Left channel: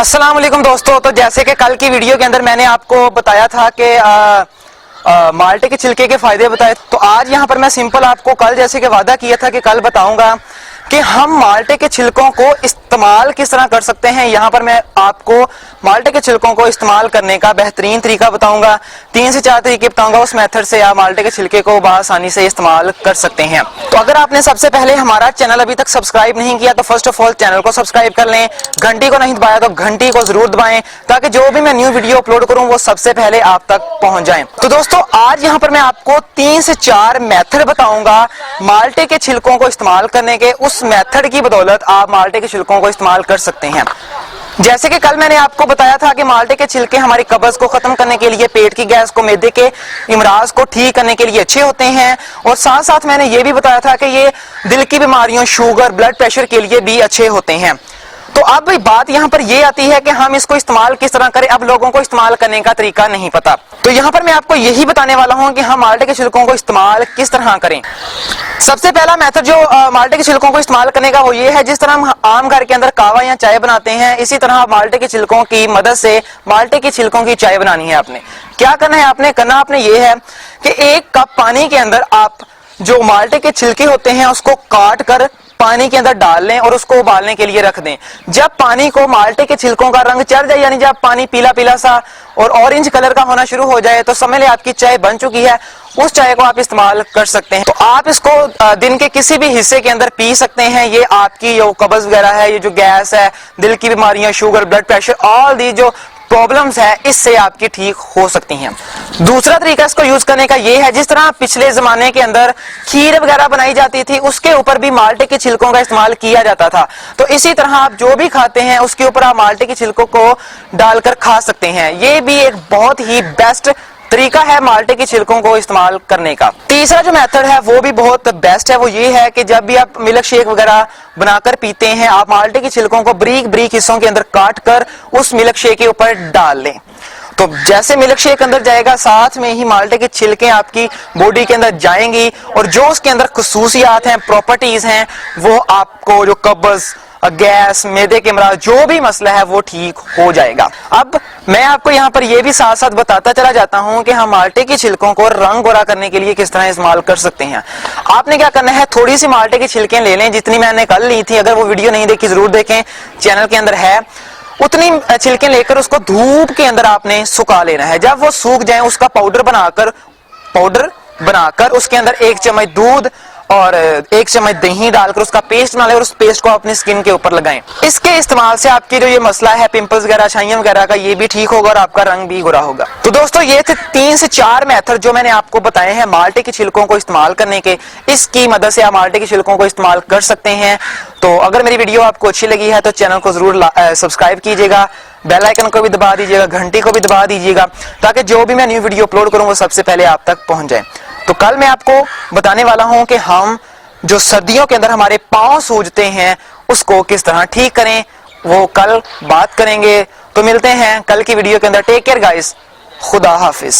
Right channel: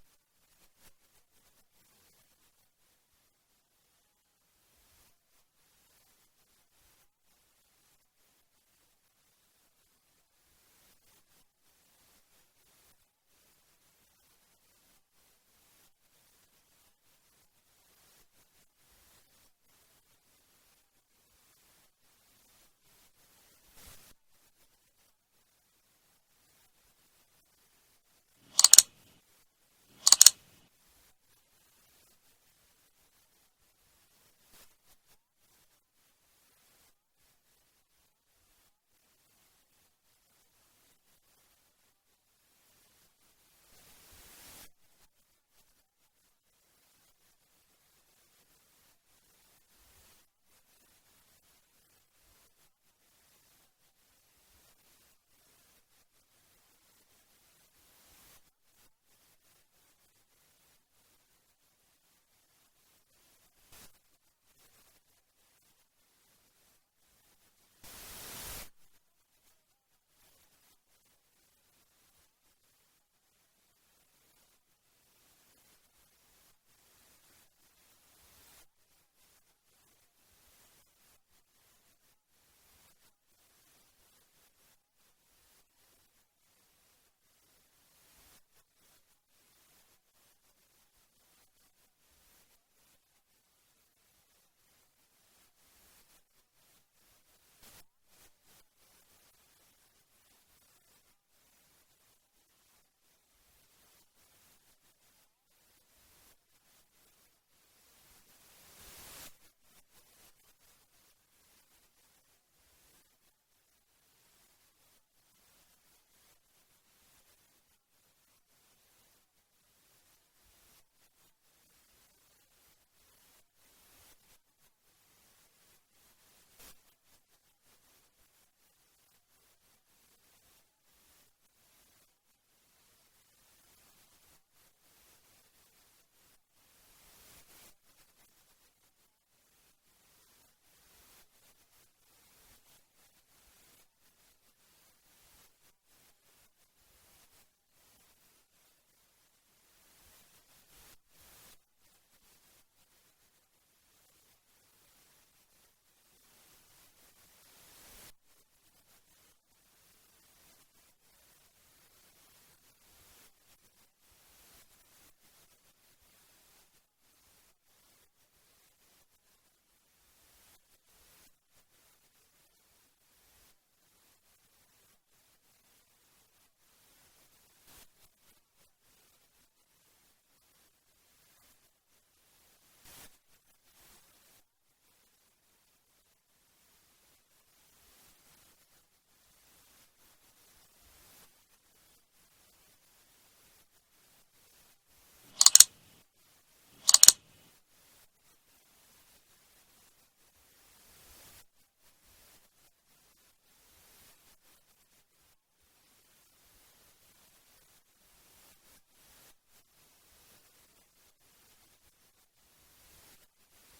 अस्सलाम वालेकुम दोस्तों। तो जैसे कि कल की वीडियो के अंदर मैंने आपको बताया था कि माल्टे के छिलके के फायदे बताए, तो आज यहाँ पर मैं सिंपल आपको कल जैसे कि वादा किया था कि कल बताऊंगा कि हम माल्टे के छिलकों को इस्तेमाल किस तरह कर सकते हैं। यहाँ पर मैं आपको माल्टे के छिलकों को इस्तेमाल करने का बेहतरीन तरीका बताऊंगा। 3 से 4 तरीके बताऊंगा, उस मेथड से आप माल्टे के छिलके को आसानी से इस्तेमाल कर सकते हैं। तो अगर आपने सबसे पहले हमारा चैनल अभी तक सब्सक्राइब नहीं किया तो फर्स्ट ऑफ ऑल चैनल को सब्सक्राइब कर लें। घंटी को नहीं दबाया तो घंटी को जरूर दबाएं ताकि जो भी मैं न्यू वीडियो अपलोड करूं वो सबसे पहले आप तक पहुंच जाएं। तो दोस्तों आज यहाँ पर मैं आपको 3 से 4 मेथड बताऊंगा माल्टे के छिलकों को इस्तेमाल करने के। उस मेथड की बदौलत आप माल्टे के छिलकों को इस्तेमाल कर सकते हैं। जैसे कि कल मैंने आपको बताया था कि माल्टे के छिलके हमारी कब्ज को खत्म करने के लिए, पेट की गैस को, मैदे के इमराज को ठीक करने के लिए अच्छे होते हैं, और साथ साथ मैंने ये भी बताया था कि ये दिल की बीमारियों, शुगर, ब्लड प्रेशर के लिए भी अच्छे होते हैं। तो अब बात यहाँ पर ये आती है कि हम इसको इस्तेमाल किस तरह करें। अब लोगों को इस्तेमाल करने का तरीका नहीं पता, तो यहाँ पर मैं आपको यही बताने वाला हूँ कि हम माल्टे के छिलकों को इस्तेमाल किस तरह करें। सबसे पहला मेथड जो माल्टे के छिलकों को इस्तेमाल करने का वो ये है, जिस तरह हम आम घर के अंदर कावा या चाय बनाते हैं, इसी तरह माल्टे के छिलकों की मदद से माल्टे के छिलकों की चाय बनानी है। आपने क्या करना है, आपने ये है कि 1 कप पानी के अंदर आप जो माल्टे के छिलके होते हैं उसको काट कर पानी के अंदर डाल लें और उसको उबालने के लिए रख दें। जब पानी को माल्टे के छिलकों का रंग चढ़ जाए, यानी जब पानी पीला पीला सा और ऑरेंज कलर का होना शुरू हो जाए, तो समझ लें आपकी चाय बन चुकी है। उस चाय को आप इस्तेमाल कर सकते हैं। तो आप इसको दिन के किसी भी हिस्से के अंदर पी सकते हैं। ये आपकी जो कब्ज वगैरह है, ये जो गैस है, दिल की बीमारियां, sugar, blood pressure, all the जो प्रॉब्लम्स है इससे आपकी ठीक हो सकती हैं। दूसरा तरीका इसको यूज करने का ये है, जिस तरह पिछले जमाने के अंदर खीर वगैरह बनाई जाती थी उसके ऊपर भी माल्टे के छिलकों का इस्तेमाल किया जाता था। तो इसी तरह आप जो भी खाते हैं उसके ऊपर आप माल्टे के छिलकों को डालकर खा सकते हैं। ये भी एक बहुत ही बेस्ट तरीका है माल्टे के छिलकों को इस्तेमाल करने का। तीसरा जो मेथड है वो भी बहुत बेस्ट है। वो ये है कि जब भी आप मिल्क शेक वगैरह बनाकर पीते हैं, आप माल्टे के छिलकों को बारीक बारीक हिस्सों के अंदर काट कर उस मिल्क शेक के ऊपर डाल लें। तो जैसे मिल्क शेक अंदर जाएगा, साथ में ही माल्टे के छिलके आपकी बॉडी के अंदर जाएंगी, और जो उसके अंदर खुसूसियात हैं, प्रॉपर्टीज हैं, वो आपको जो कब्ज, गैस, मैदे के इमराज, जो भी मसला है वो ठीक हो जाएगा। अब मैं आपको यहाँ पर ये भी साथ साथ बताता चला जाता हूँ कि हम माल्टे के छिलकों को रंग गोरा करने के लिए किस तरह इस्तेमाल कर सकते हैं। आपने क्या करना है, थोड़ी सी माल्टे की छिलकें ले लें, जितनी मैंने कल ली थी। अगर वो वीडियो नहीं देखी जरूर देखें, चैनल के अंदर है। उतनी छिलकें लेकर उसको धूप के अंदर आपने सुखा लेना है। जब वो सूख जाए उसका पाउडर बनाकर उसके अंदर 1 चम्मच दूध और 1 चम्मच दही डालकर उसका पेस्ट बना लें और उस पेस्ट को अपनी स्किन के ऊपर लगाएं। इसके इस्तेमाल से आपकी जो ये मसला है पिंपल्स वगैरह, छाइयां वगैरह का, ये भी ठीक होगा और आपका रंग भी गोरा होगा। तो दोस्तों ये थे 3 से 4 मेथड जो मैंने आपको बताए हैं माल्टे के छिलकों को इस्तेमाल करने के। इसकी मदद से आप माल्टे के छिलकों को इस्तेमाल कर सकते हैं। तो अगर मेरी वीडियो आपको अच्छी लगी है तो चैनल को जरूर सब्सक्राइब कीजिएगा, बेल आइकन को भी दबा दीजिएगा, घंटी को भी दबा दीजिएगा, ताकि जो भी मैं न्यू वीडियो अपलोड करूं वो सबसे पहले आप तक पहुंच जाए। तो कल मैं आपको बताने वाला हूं कि हम जो सर्दियों के अंदर हमारे पांव सूजते हैं उसको किस तरह ठीक करें, वो कल बात करेंगे। तो मिलते हैं कल की वीडियो के अंदर। टेक केयर गाइस, खुदा हाफिज।